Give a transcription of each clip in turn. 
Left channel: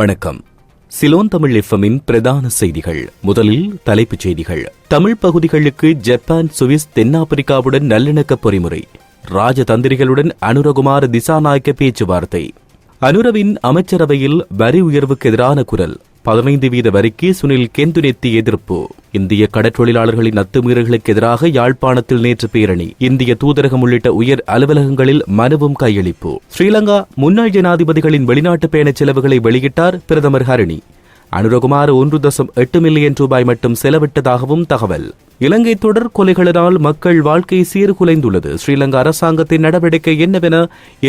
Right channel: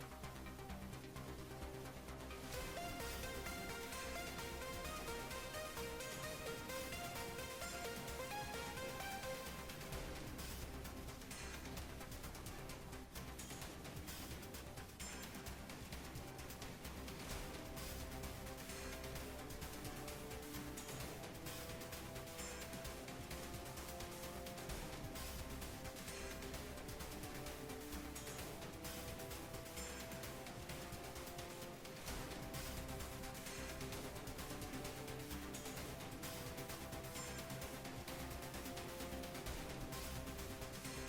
வணக்கம். சிலோன் தமிழ் எஃப்எம்மின் பிரதான செய்திகள். முதலில் தலைப்புச் செய்திகள். தமிழ் பகுதிகளுக்கு ஜப்பான், சுவிஸ், தென்னாப்பிரிக்காவுடன் நல்லிணக்க பொறிமுறை. ராஜதந்திரிகளுடன் அனுரகுமார திசாநாயக்க பேச்சுவார்த்தை. அனுரவின் அமைச்சரவையில் வரி உயர்வுக்கு எதிரான குரல். 15% வரிக்கு சுனில் கெந்துனெத்தி எதிர்ப்பு. இந்திய கடற்றொழிலாளர்களின் அத்துமீறல்களுக்கு எதிராக யாழ்ப்பாணத்தில் நேற்று பேரணி. இந்திய தூதரகம் உள்ளிட்ட உயர் அலுவலகங்களில் மனுவும் கையளிப்பு. ஸ்ரீலங்கா முன்னாள் ஜனாதிபதிகளின் வெளிநாட்டு பயணச் செலவுகளை வெளியிட்டார் பிரதமர் ஹரணி. அனுரகுமார 1.8 மில்லியன் ரூபாய் மட்டும் செலவிட்டதாகவும் தகவல். இலங்கை தொடர் கொலைகளினால் மக்கள் வாழ்க்கை சீர்குலைந்துள்ளது. ஸ்ரீலங்கா அரசாங்கத்தின் நடவடிக்கை என்னவென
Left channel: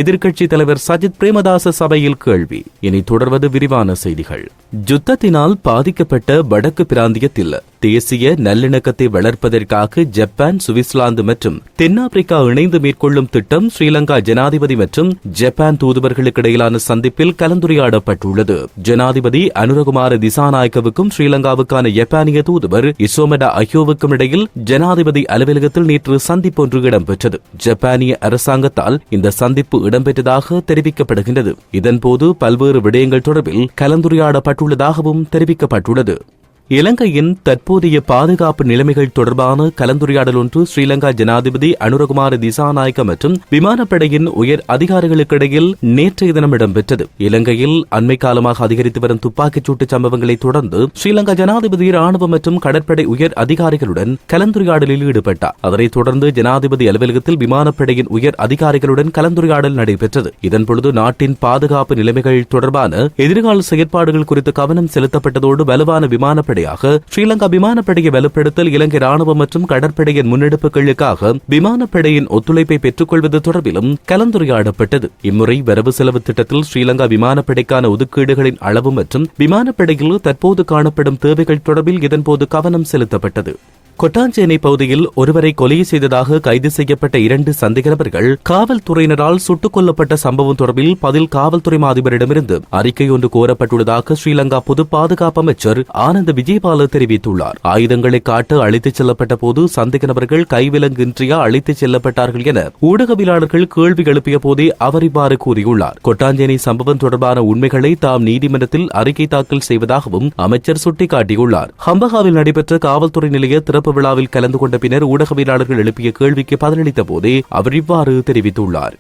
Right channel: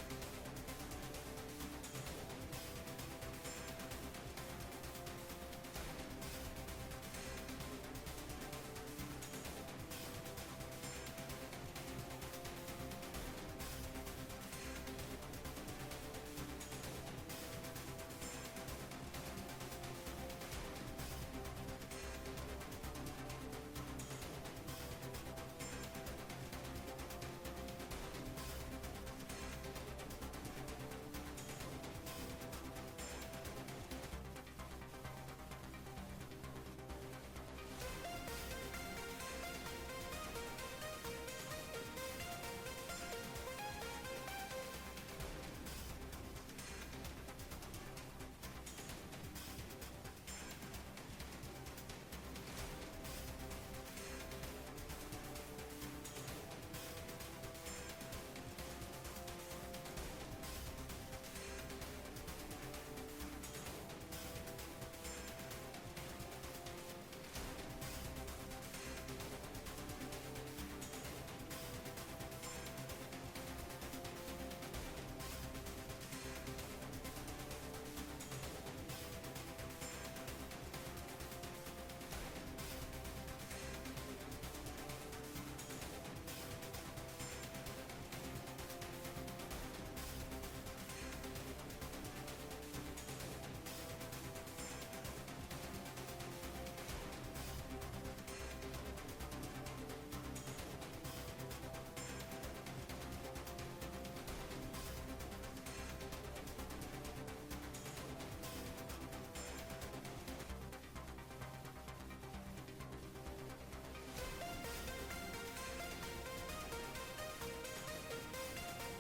எதிர்க்கட்சித் தலைவர் சஜித் பிரேமதாச சபையில் கேள்வி. இனி தொடர்வது விரிவான செய்திகள். யுத்தத்தினால் பாதிக்கப்பட்ட வடக்கு பிராந்தியத்தில் தேசிய நல்லிணக்கத்தை வளர்ப்பதற்காக ஜப்பான், சுவிட்சர்லாந்து மற்றும் தென்னாப்பிரிக்கா இணைந்து மேற்கொள்ளும் திட்டம் ஸ்ரீலங்கா ஜனாதிபதி மற்றும் ஜப்பான் தூதுவர்களுக்கு இடையிலான சந்திப்பில் கலந்துரையாடப்பட்டுள்ளது. ஜனாதிபதி அனுரகுமார திசாநாயக்கவுக்கும் ஸ்ரீலங்காவுக்கான ஜப்பானிய தூதுவர் இசோமெடா அயோவுக்கும் இடையில் ஜனாதிபதி அலுவலகத்தில் நேற்று சந்திப்பு ஒன்று இடம்பெற்றது. ஜப்பானிய அரசாங்கத்தால் இந்த சந்திப்பு இடம்பெற்றதாக தெரிவிக்கப்படுகின்றது. இதன்போது பல்வேறு விடயங்கள் தொடர்பில் கலந்துரையாடப்பட்டுள்ளதாகவும் தெரிவிக்கப்பட்டுள்ளது. இலங்கையின் தற்போதைய பாதுகாப்பு நிலைமைகள் தொடர்பான கலந்துரையாடல் ஒன்று ஸ்ரீலங்கா ஜனாதிபதி அனுரகுமார திசாநாயக்க மற்றும் விமானப்படையின் உயர் அதிகாரிகளுக்கிடையில் நேற்றைய தினம் இடம்பெற்றது. இலங்கையில் அண்மை காலமாக அதிகரித்து வரும் துப்பாக்கிச் சூட்டு சம்பவங்களை தொடர்ந்து ஸ்ரீலங்கா ஜனாதிபதி ராணுவ மற்றும் கடற்படை உயர் அதிகாரிகளுடன் கலந்துரையாடலில் ஈடுபட்டார். அதனைத் தொடர்ந்து ஜனாதிபதி அலுவலகத்தில் விமானப்படையின் உயர் அதிகாரிகளுடன் கலந்துரையாடல் நடைபெற்றது. இதன்பொழுது நாட்டின் பாதுகாப்பு நிலைமைகள் தொடர்பான எதிர்கால செயற்பாடுகள் குறித்து கவனம் செலுத்தப்பட்டதோடு வலுவான விமானப்படை ஸ்ரீலங்கா விமானப்படையை வலுப்படுத்தல், இலங்கை ராணுவம் மற்றும் கடற்படையின் முன்னெடுப்புகளுக்காக விமானப்படையின் ஒத்துழைப்பை பெற்றுக் கொள்வது தொடர்பிலும் கலந்துரையாடப்பட்டது. இம்முறை வரவு செலவு திட்டத்தில் ஸ்ரீலங்கா விமானப்படைக்கான ஒதுக்கீடுகளின் அளவு மற்றும் விமானப்படையில் தற்போது காணப்படும் தேவைகள் தொடர்பில் இதன்போது கவனம் செலுத்தப்பட்டது. கொட்டாஞ்சேனை பகுதியில் ஒருவரை கொலை செய்ததாக கைது செய்யப்பட்ட 2 சந்தேக நபர்கள் காவல்துறையினரால் சுட்டுக் கொல்லப்பட்ட சம்பவம் தொடர்பில் பதில் காவல்துறை அதிபரிடமிருந்து அறிக்கை ஒன்று கோரப்பட்டுள்ளதாக ஸ்ரீலங்கா பொது பாதுகாப்பு அமைச்சர் ஆனந்த விஜயபால தெரிவித்துள்ளார். ஆயுதங்களை காட்ட அழைத்துச் செல்லப்பட்ட போது சந்தேக நபர்கள் கைவிலங்கின்றியா அழைத்துச் செல்லப்பட்டார்கள் என ஊடகவியலாளர்கள் கேள்வி எழுப்பிய போதே அவர் இவ்வாறு கூறியுள்ளார். கொட்டாஞ்சேனை சம்பவம் தொடர்பான உண்மைகளை தாம் நீதிமன்றத்தில் அறிக்கை தாக்கல் செய்வதாகவும் அமைச்சர் சுட்டிக்காட்டியுள்ளார். ஹம்பகாவில் நடைபெற்ற காவல்துறை நிலைய திறப்பு விழாவில் கலந்து கொண்ட பின்னர் ஊடகவியலாளர்கள் எழுப்பிய கேள்விக்கு பதிலளித்த போதே அவர் இவ்வாறு தெரிவித்துள்ளார்.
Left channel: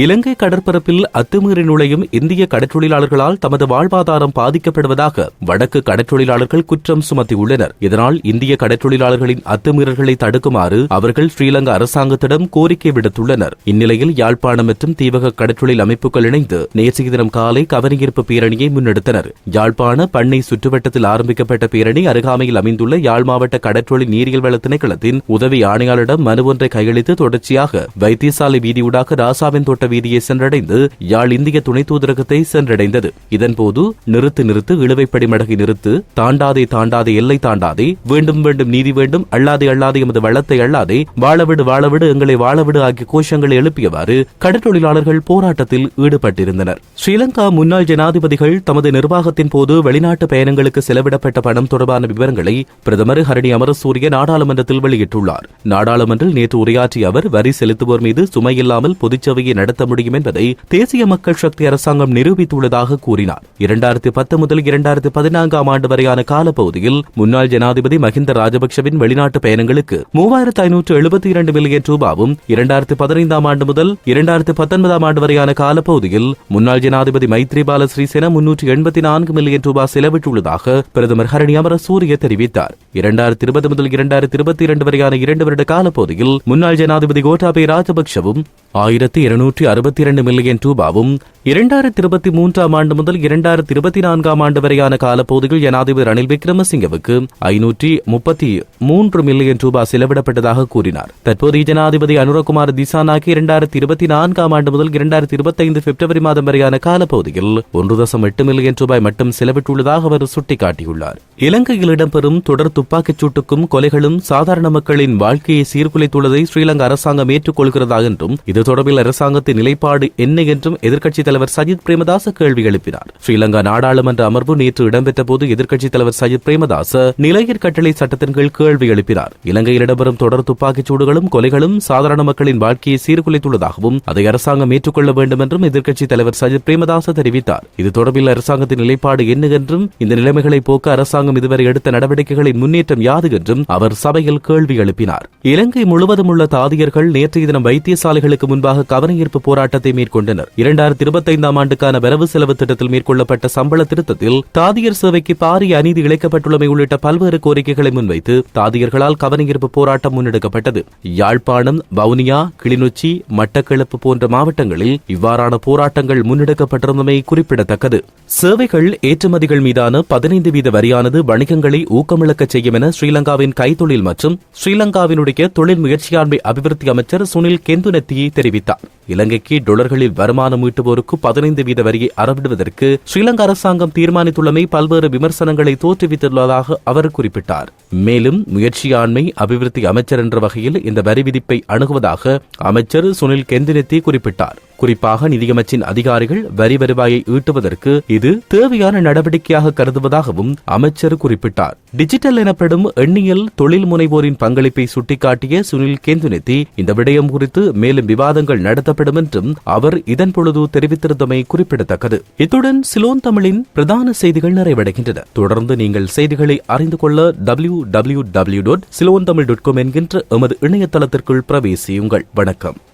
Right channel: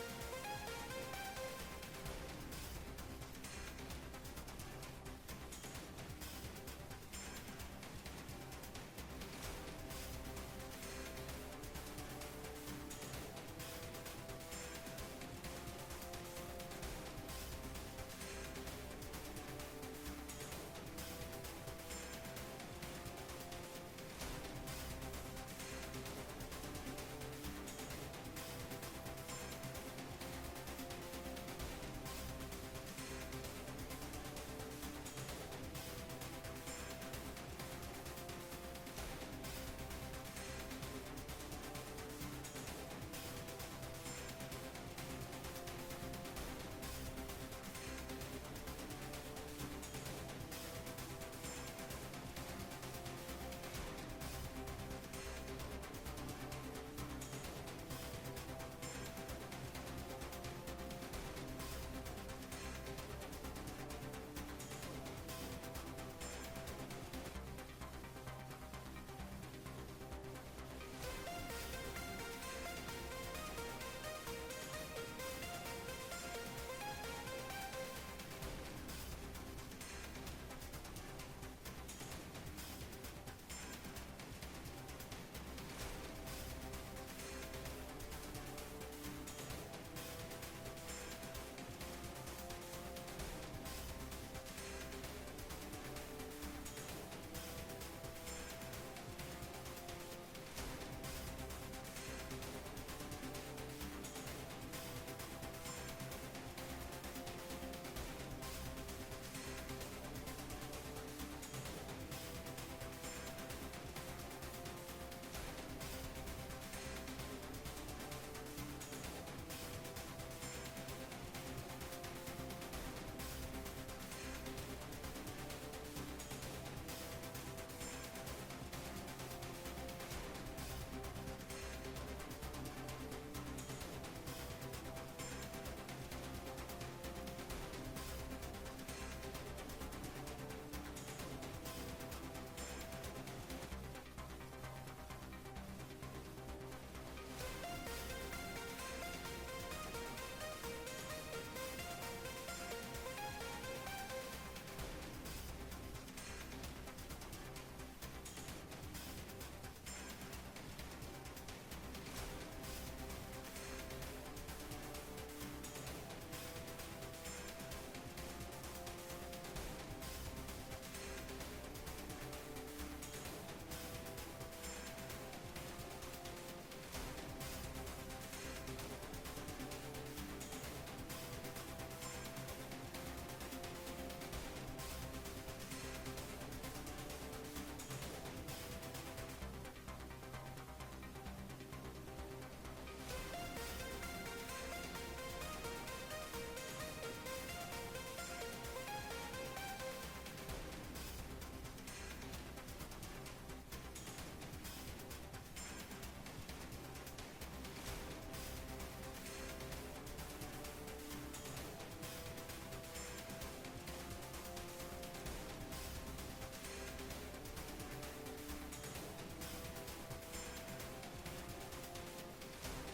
இலங்கை கடற்பரப்பில் அத்துமீறி நுழையும் இந்திய கடற்றொழிலாளர்களால் தமது வாழ்வாதாரம் பாதிக்கப்படுவதாக வடக்கு கடற்றொழிலாளர்கள் குற்றம் சுமத்தியுள்ளனர். இதனால் இந்திய கடற்றொழிலாளர்களின் அத்துமீறல்களை தடுக்குமாறு அவர்கள் ஸ்ரீலங்கா அரசாங்கத்திடம் கோரிக்கை விடுத்துள்ளனர். இந்நிலையில் யாழ்ப்பாணம் மற்றும் தீவக கடற்றொழில் அமைப்புகள் இணைந்து நேற்றைய தினம் காலை கவனஈர்ப்பு பேரணியை முன்னெடுத்தனர். யாழ்ப்பாண பண்ணை சுற்றுவட்டத்தில் ஆரம்பிக்கப்பட்ட பேரணி அருகாமையில் அமைந்துள்ள யாழ் மாவட்ட கடற்றொழில் நீரியல் வள திணைக்களத்தின் உதவி ஆணையாளரிடம் மனு ஒன்றை கையளித்து தொடர்ச்சியாக வைத்தியசாலை வீதியூடாக ராசாவின் வீதியை சென்றடைந்து யாழ் இந்திய துணை தூதரகத்தை சென்றடைந்தது. இதன்போது நிறுத்து இழுவைப்படி மடகை நிறுத்து, தாண்டாதே எல்லை தாண்டாதே, வேண்டும் நீதி வேண்டும், அல்லாதே எமது வளத்தை அல்லாதே, வாழவிடு எங்களை வாழவிடு ஆகிய கோஷங்களை எழுப்பியவாறு கடற்றொழிலாளர்கள் போராட்டத்தில் ஈடுபட்டிருந்தனர். ஸ்ரீலங்கா முன்னாள் ஜனாதிபதிகள் தமது நிர்வாகத்தின் போது வெளிநாட்டு பயணங்களுக்கு செலவிடப்பட்ட பணம் தொடர்பான விவரங்களை பிரதமர் ஹரணி அமரசூரிய நாடாளுமன்றத்தில் வெளியிட்டுள்ளார். நாடாளுமன்றில் நேற்று உரையாற்றிய அவர் வரி செலுத்துவோர் மீது சுமையில்லாமல் பொதுச்சபையை நடத்த முடியும் என்பதை தேசிய மக்கள் சக்தி அரசாங்கம் நிரூபித்துள்ளதாக கூறினார். 2010 முதல் 2014 ஆண்டு வரையான காலப்பகுதியில் முன்னாள் ஜனாதிபதி மஹிந்த ராஜபக்சவின் வெளிநாட்டு பயணங்களுக்கு 3572 மில்லியன் ரூபாவும் 2015 ஆண்டு முதல் 2019 ஆண்டு வரையான காலப்பகுதியில் முன்னாள் ஜனாதிபதி மைத்ரிபால சிறிசேன 384 மில்லியன் ரூபாய் செலவிட்டுள்ளதாக பிரதமர் ஹரணி அமரசூரிய தெரிவித்தார். 2020 முதல் 2022 வரையான 2 வருட காலப்பகுதியில் முன்னாள் ஜனாதிபதி கோட்டாபய ராஜபக்சவும் 1262 மில்லியன் ரூபாவும் 2023 ஆண்டு முதல் 2024 ஆண்டு வரையான காலப்பகுதியில் ஜனாதிபதி ரணில் விக்ரமசிங்கவுக்கு 533 மில்லியன் ரூபாய் செலவிடப்பட்டதாக கூறினார். தற்போதைய ஜனாதிபதி அனுரகுமார திசாநாயக்க 2024 ஆண்டு முதல் 2025 பிப்ரவரி மாதம் வரையான காலப்பகுதியில் 1.8 மில்லியன் ரூபாய் மட்டும் செலவிட்டுள்ளதாக அவர் சுட்டிக்காட்டியுள்ளார். இலங்கையில் இடம்பெறும் தொடர் துப்பாக்கிச் சூட்டுக்கும் கொலைகளும் சாதாரண மக்களின் வாழ்க்கையை சீர்குலைத்துள்ளதை ஸ்ரீலங்கா அரசாங்கம் ஏற்றுக்கொள்கிறதா என்றும் இது தொடர்பில் அரசாங்கத்தின் அரசாங்கத்தின் நிலைப்பாடு என்ன என்றும் எதிர்க்கட்சித் தலைவர் சஜித் பிரேமதாச கேள்வி எழுப்பினார். ஸ்ரீலங்கா நாடாளுமன்ற அமர்வு நேற்று இடம்பெற்ற போது எதிர்க்கட்சித் தலைவர் சஜித் பிரேமதாச நிலையர் கட்டளை சட்டத்தின் கீழ் கேள்வி எழுப்பினார். இலங்கையில் இடம்பெறும் தொடர் துப்பாக்கிச் சூடுகளும் கொலைகளும் சாதாரண மக்களின் வாழ்க்கையை சீர்குலைத்துள்ளதாகவும் அதை அரசாங்கம் ஏற்றுக்கொள்ள வேண்டும் என்றும் எதிர்க்கட்சித் தலைவர் சஜித் பிரேமதாச தெரிவித்தார். இது தொடர்பில் அரசாங்கத்தின் நிலைப்பாடு என்ன என்றும் இந்த நிலைமைகளை போக்க அரசாங்கம் இதுவரை எடுத்த நடவடிக்கைகளின் முன்னேற்றம் யாது என்றும் அவர் சபையில் கேள்வி எழுப்பினார். இலங்கை முழுவதும் உள்ள தாதியர்கள் நேற்றைய தினம் வைத்தியசாலைகளுக்கு முன்பாக கவனஈர்ப்பு போராட்டத்தை மேற்கொண்டனர். 2025 ஆண்டுக்கான வரவு செலவு திட்டத்தில் மேற்கொள்ளப்பட்ட சம்பள திருத்தத்தில் தாதியர் சேவைக்கு பாரிய அநீதி இழைக்கப்பட்டுள்ளமை உள்ளிட்ட பல்வேறு கோரிக்கைகளை முன்வைத்து தாதியர்களால் கவனஈர்ப்பு போராட்டம் முன்னெடுக்கப்பட்டது. யாழ்ப்பாணம், வவுனியா, கிளிநொச்சி, மட்டக்களப்பு போன்ற மாவட்டங்களில் இவ்வாறான போராட்டங்கள் முன்னெடுக்கப்பட்டிருந்தமை குறிப்பிடத்தக்கது. சேவைகள் ஏற்றுமதிகள் மீதான 15% வரியானது வணிகங்களை ஊக்கமிழக்க செய்யும் என ஸ்ரீலங்காவின் கைத்தொழில் மற்றும் ஸ்ரீலங்காவினுடைய தொழில் முயற்சியாண்மை அபிவிருத்தி அமைச்சர் சுனில் கெந்துனத்தியை தெரிவித்தார். இலங்கைக்கு டாலர்களில் வருமானம் ஈட்டுவோருக்கு 15% வரியை அறவிடுவதற்கு ஸ்ரீலங்கா அரசாங்கம் தீர்மானித்துள்ளமை பல்வேறு விமர்சனங்களை தோற்றுவித்துள்ளதாக அவர் குறிப்பிட்டார். மேலும் முயற்சியாண்மை அபிவிருத்தி அமைச்சர் என்ற வகையில் இந்த வரி விதிப்பை அணுகுவதாக அமைச்சர் சுனில் கெந்துனத்தி குறிப்பிட்டார். குறிப்பாக நிதியமைச்சின் அதிகாரிகள் வரி வருவாயை ஈட்டுவதற்கு இது தேவையான நடவடிக்கையாக கருதுவதாகவும் அமைச்சர் குறிப்பிட்டார். டிஜிட்டல் எனப்படும் எண்ணியல் தொழில் முனைவோரின் பங்களிப்பை சுட்டிக்காட்டிய சுனில் கெந்துனத்தி இந்த விடயம் குறித்து மேலும் விவாதங்கள் நடத்தப்படும் என்றும் அவர் இதன் பொழுது தெரிவித்திருந்தமை குறிப்பிடத்தக்கது. இத்துடன் சிலோன் தமிழின் பிரதான செய்திகள் நிறைவடைகின்றன. தொடர்ந்து நீங்கள் செய்திகளை அறிந்து கொள்ள www.silonthamil.com என்கின்ற எமது இணையதளத்திற்குள் பிரவேசியுங்கள். வணக்கம்.